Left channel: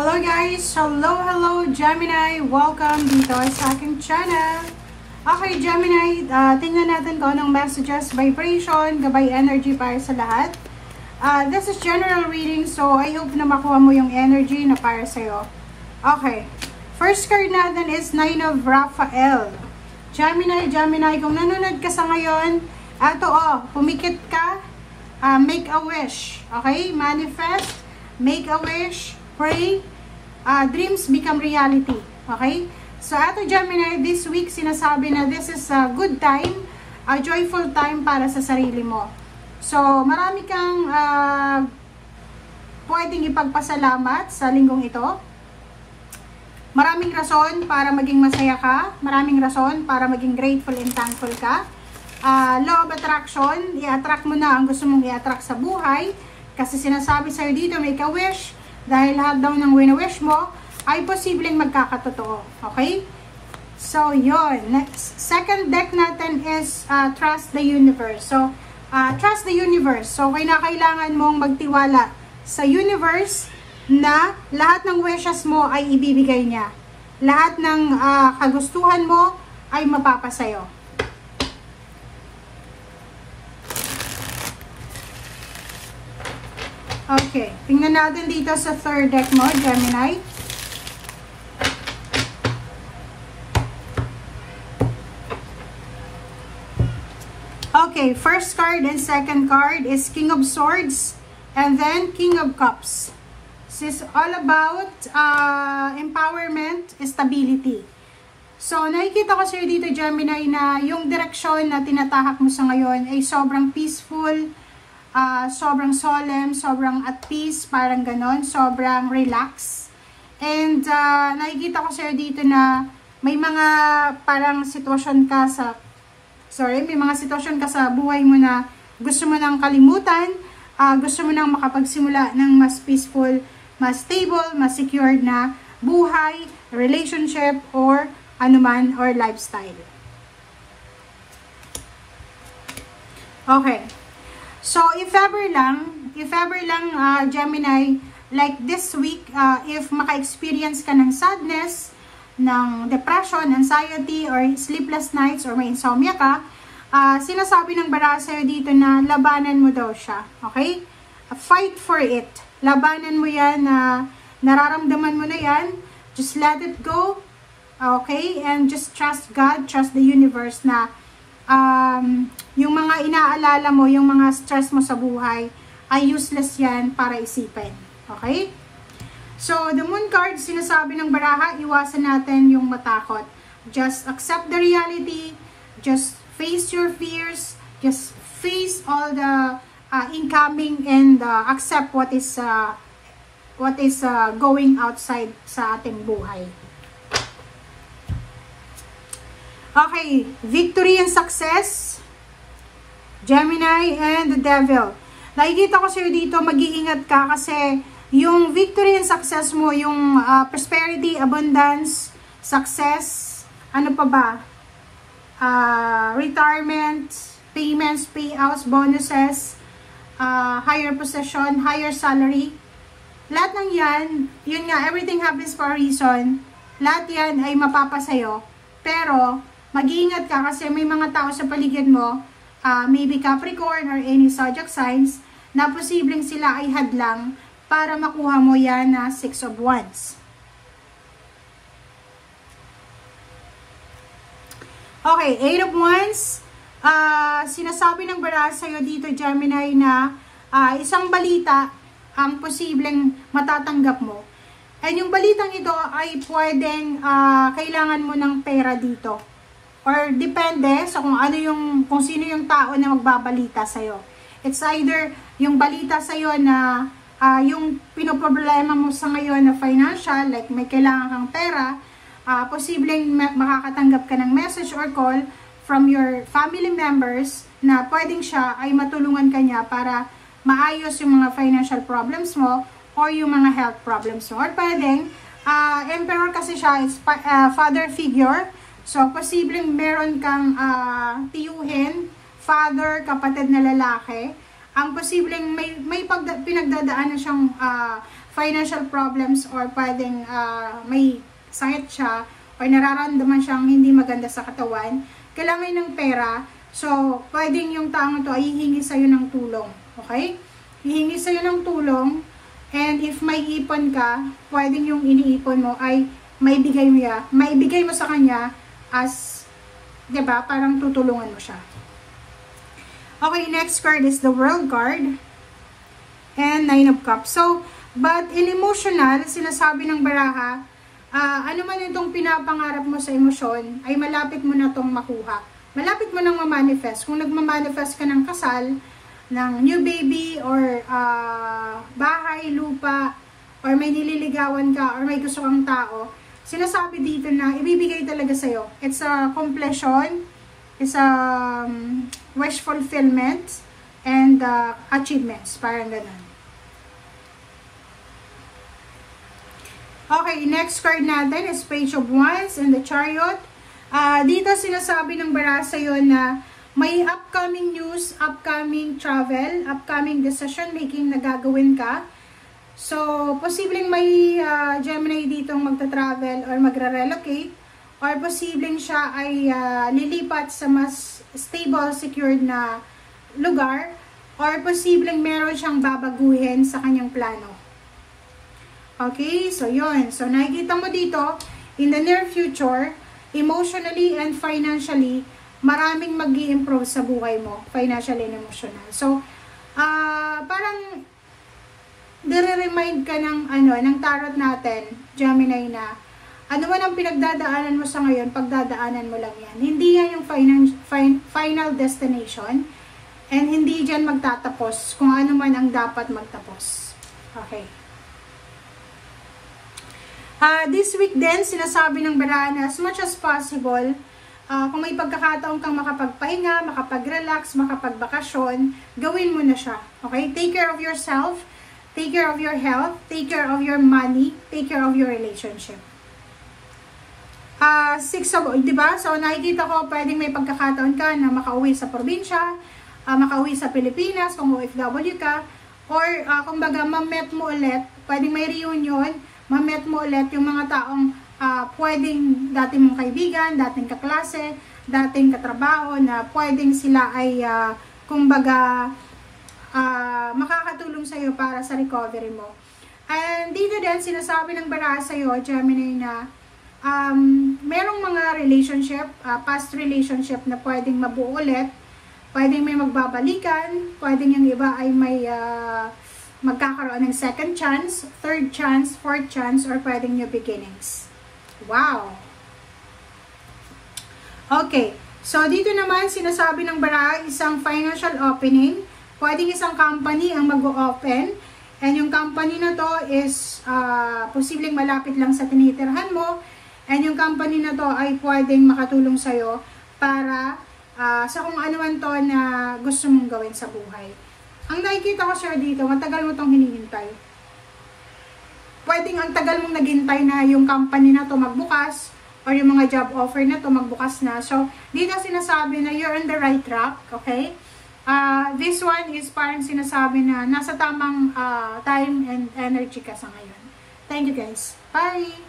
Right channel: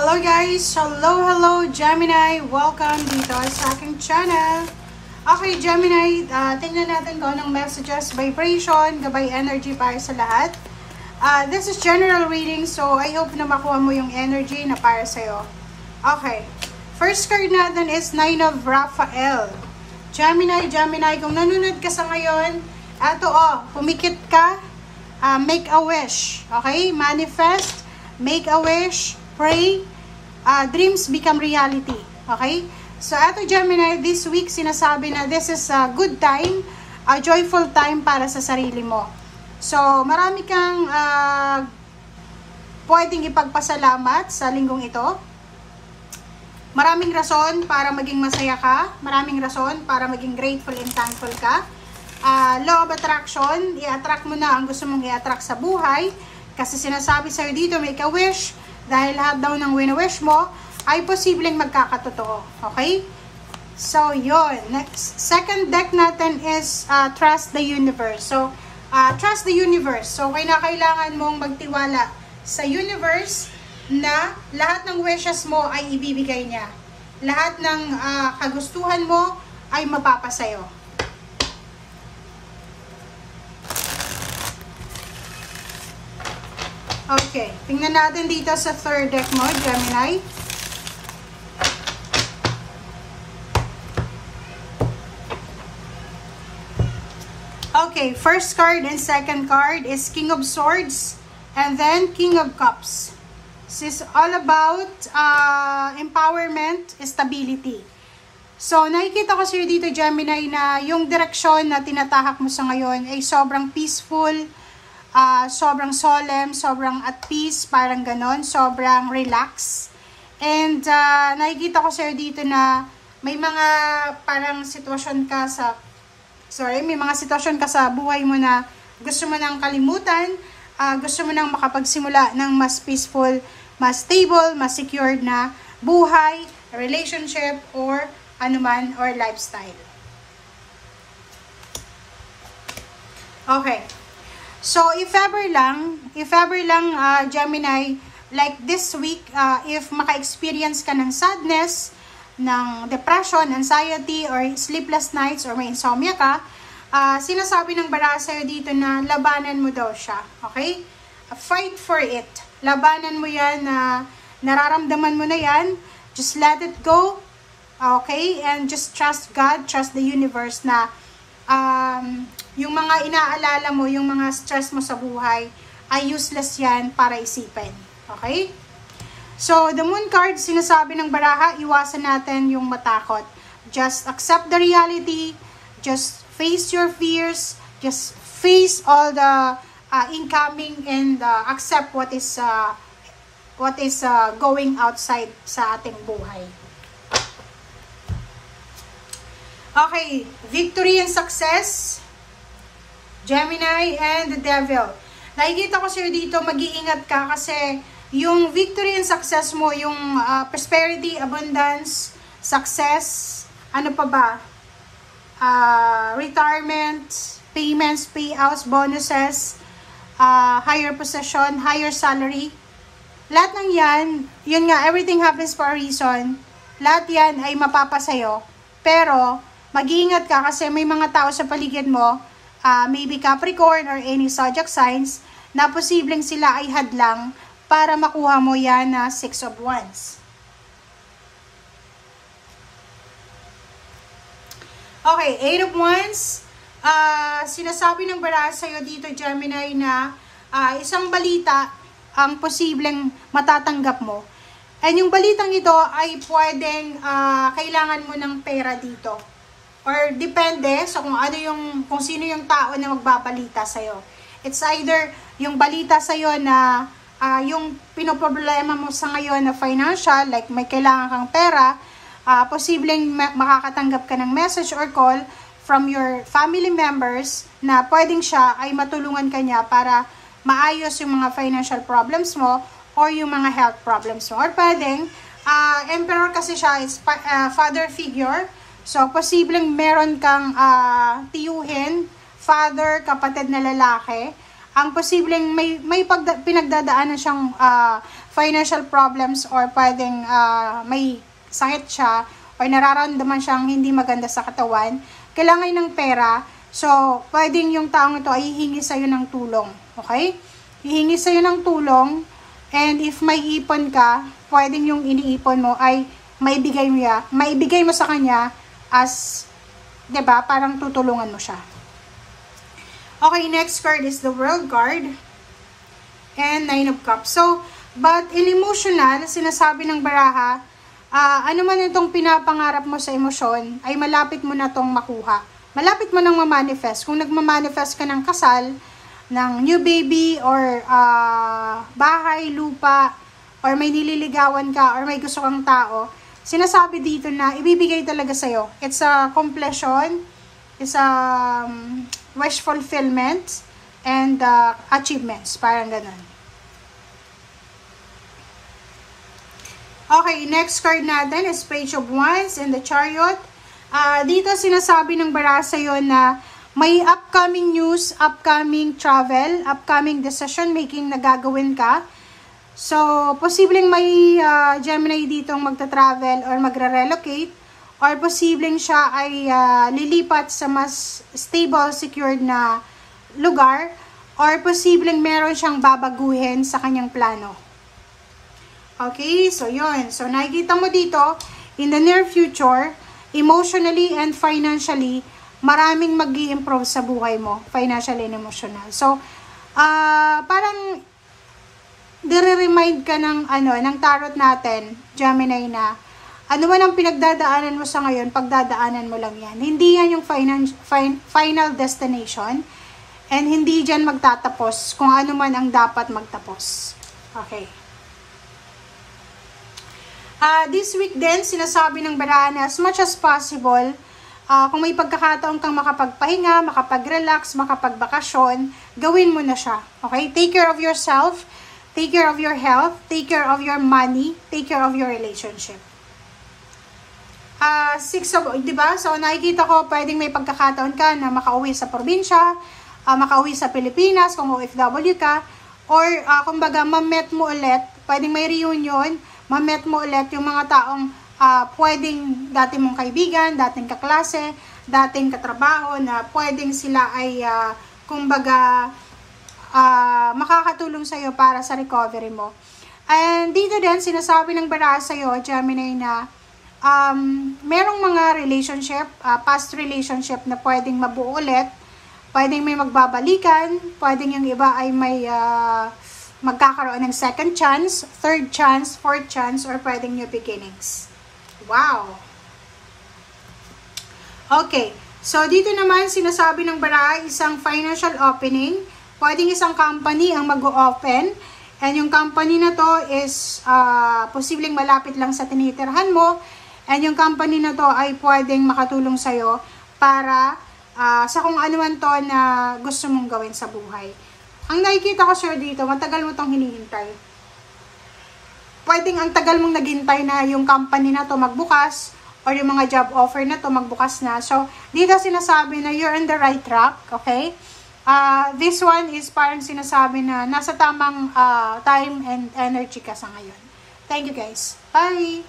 Hello guys! Hello Gemini! Welcome dito sa aking channel. Okay Gemini, tingnan natin kung anong messages, vibration, gabay energy para sa lahat. This is general reading, so I hope na makuha mo yung energy na para sa'yo. Okay, first card natin is Nine of Raphael. Gemini, kung nanonood ka sa ngayon, pumikit ka, make a wish. Okay, manifest, make a wish, pray, dreams become reality. Okay? So, ato Gemini, this week sinasabi na this is a good time, a joyful time para sa sarili mo. So, marami kang pwedeng ipagpasalamat sa linggong ito. Maraming rason para maging masaya ka. Maraming rason para maging grateful and thankful ka. Law of attraction, i-attract mo na ang gusto mong i-attract sa buhay. Kasi sinasabi sa'yo dito, make a wish. Dahil lahat daw ng wini-wish mo ay posibleng magkakatotoo. Okay? So, yun. Next, second deck natin is Trust the Universe. So, trust the universe. So, kailangan mong magtiwala sa universe na lahat ng wishes mo ay ibibigay niya. Lahat ng kagustuhan mo ay mapapasayo. Okay, tingnan natin dito sa third deck mo, Gemini. Okay, first card and second card is King of Swords and then King of Cups. This is all about empowerment, stability. So, nakikita ko sa'yo dito, Gemini, na yung direksyon na tinatahak mo sa ngayon ay sobrang peaceful, sobrang solemn, sobrang at peace, parang ganon, sobrang relax. And nakikita ko sa'yo dito na may mga parang sitwasyon ka sa, may mga sitwasyon ka sa buhay mo na gusto mo nang kalimutan, gusto mo nang makapagsimula ng mas peaceful, mas stable, mas secured na buhay, relationship, or anuman, or lifestyle. Okay. So, if ever lang, Gemini, like this week, if maka-experience ka ng sadness, ng depression, anxiety, or sleepless nights, or may insomnia ka, sinasabi ng baraha sa'yo dito na labanan mo daw siya. Okay? Fight for it. Labanan mo yan, nararamdaman mo na yan. Just let it go. Okay? And just trust God, trust the universe na yung mga inaalala mo, yung mga stress mo sa buhay, ay useless yan para isipin. Okay? So, the moon card, sinasabi ng baraha, iwasan natin yung matakot. Just accept the reality. Just face your fears. Just face all the incoming and accept what is going outside sa ating buhay. Okay, victory and success, Gemini and the Devil. Nakikita ko sa'yo dito, mag-iingat ka kasi yung victory and success mo, yung prosperity, abundance, success, ano pa ba? Retirement, payments, payouts, bonuses, higher position, higher salary. Lahat ng yan, yun nga, everything happens for a reason. Lahat yan ay mapapasayo. Pero, mag-iingat ka kasi may mga tao sa paligid mo, maybe Capricorn or any zodiac signs, na posibleng sila ay hadlang para makuha mo yan na 6 of Wands. Okay, 8 of Wands. Sinasabi ng baraha sa'yo dito, Gemini, na isang balita ang posibleng matatanggap mo. And yung balitang ito ay pwedeng kailangan mo ng pera dito. Or depende sa kung sino yung tao na magbabalita sa'yo. It's either yung balita sa'yo na yung pinoproblema mo sa ngayon na financial, like may kailangan kang pera, posibleng makakatanggap ka ng message or call from your family members na pwedeng siya ay matulungan ka niya para maayos yung mga financial problems mo or yung mga health problems mo. Or pwedeng, emperor kasi siya, it's father figure. So, posibleng meron kang tiyuhin, father, kapatid na lalaki. Ang posibleng may pinagdadaanan siyang financial problems or pwedeng may sakit siya or nararamdaman siyang hindi maganda sa katawan, kailangan ng pera. So, pwedeng yung taong ito ay hihingi sa'yo ng tulong. Okay? Hihingi sa'yo ng tulong, and if may ipon ka, pwedeng yung iniipon mo ay maibigay mo sa kanya as, diba, parang tutulungan mo siya. Okay, next card is the World card and 9 of Cups. So, but in emotional, sinasabi ng baraha, ano man itong pinapangarap mo sa emosyon, ay malapit mo na itong makuha. Malapit mo nang ma-manifest. Kung nagma-manifest ka ng kasal, ng new baby, or bahay, lupa, or may nililigawan ka, or may gusto kang tao, sinasabi dito na ibibigay talaga sa'yo. It's a completion, it's a wish fulfillment, and achievements. Parang ganun. Okay, next card natin is Page of Wands and the Chariot. Dito sinasabi ng baraha sa'yo na may upcoming news, upcoming travel, upcoming decision making na gagawin ka. So, posibleng may Gemini dito magta-travel or magre-relocate, or posibleng siya ay lilipat sa mas stable, secured na lugar, or posibleng meron siyang babaguhin sa kanyang plano. Okay, so yun. So, nakikita mo dito, in the near future, emotionally and financially, maraming mag-i-improve sa buhay mo, financially and emotional. So, parang dire-remind ka ng tarot natin, Gemini, na ano man ang pinagdadaanan mo sa ngayon, pagdadaanan mo lang yan. Hindi yan yung final destination, and hindi dyan magtatapos kung ano man ang dapat magtapos. Okay. This week din, sinasabi ng baraha na as much as possible, kung may pagkakataon kang makapagpahinga, makapag-relax, makapagbakasyon, gawin mo na siya. Okay? Take care of yourself, take care of your health, take care of your money, take care of your relationship. 6 of, diba? So, nakikita ko, pwedeng may pagkakataon ka na makauwi sa probinsya, makauwi sa Pilipinas, kung OFW ka, or kumbaga, ma-met mo ulit, pwedeng may reunion, ma-met mo ulit yung mga taong pwedeng dati mong kaibigan, dating kaklase, dating katrabaho, na pwedeng sila ay, kumbaga, makakatulong sa'yo para sa recovery mo. And dito din, sinasabi ng baraha sa'yo, Gemini, na merong mga relationship, past relationship na pwedeng mabuo ulit, pwedeng may magbabalikan, pwedeng yung iba ay may magkakaroon ng second chance, third chance, fourth chance, or pwedeng new beginnings. Wow! Okay, so dito naman sinasabi ng baraha, isang financial opening, pwedeng isang company ang mag-open, and yung company na to is posibleng malapit lang sa tinitirhan mo, and yung company na to ay pwedeng makatulong sa'yo para sa kung ano man to na gusto mong gawin sa buhay. Ang nakikita ko sa'yo dito, matagal mo itong hinihintay. Pwedeng ang tagal mong naghintay na yung company na to magbukas, or yung mga job offer na to magbukas na. So, dito sinasabi na you're on the right track, okay? This one is parang sinasabi na nasa tamang time and energy ka sa ngayon. Thank you guys. Bye!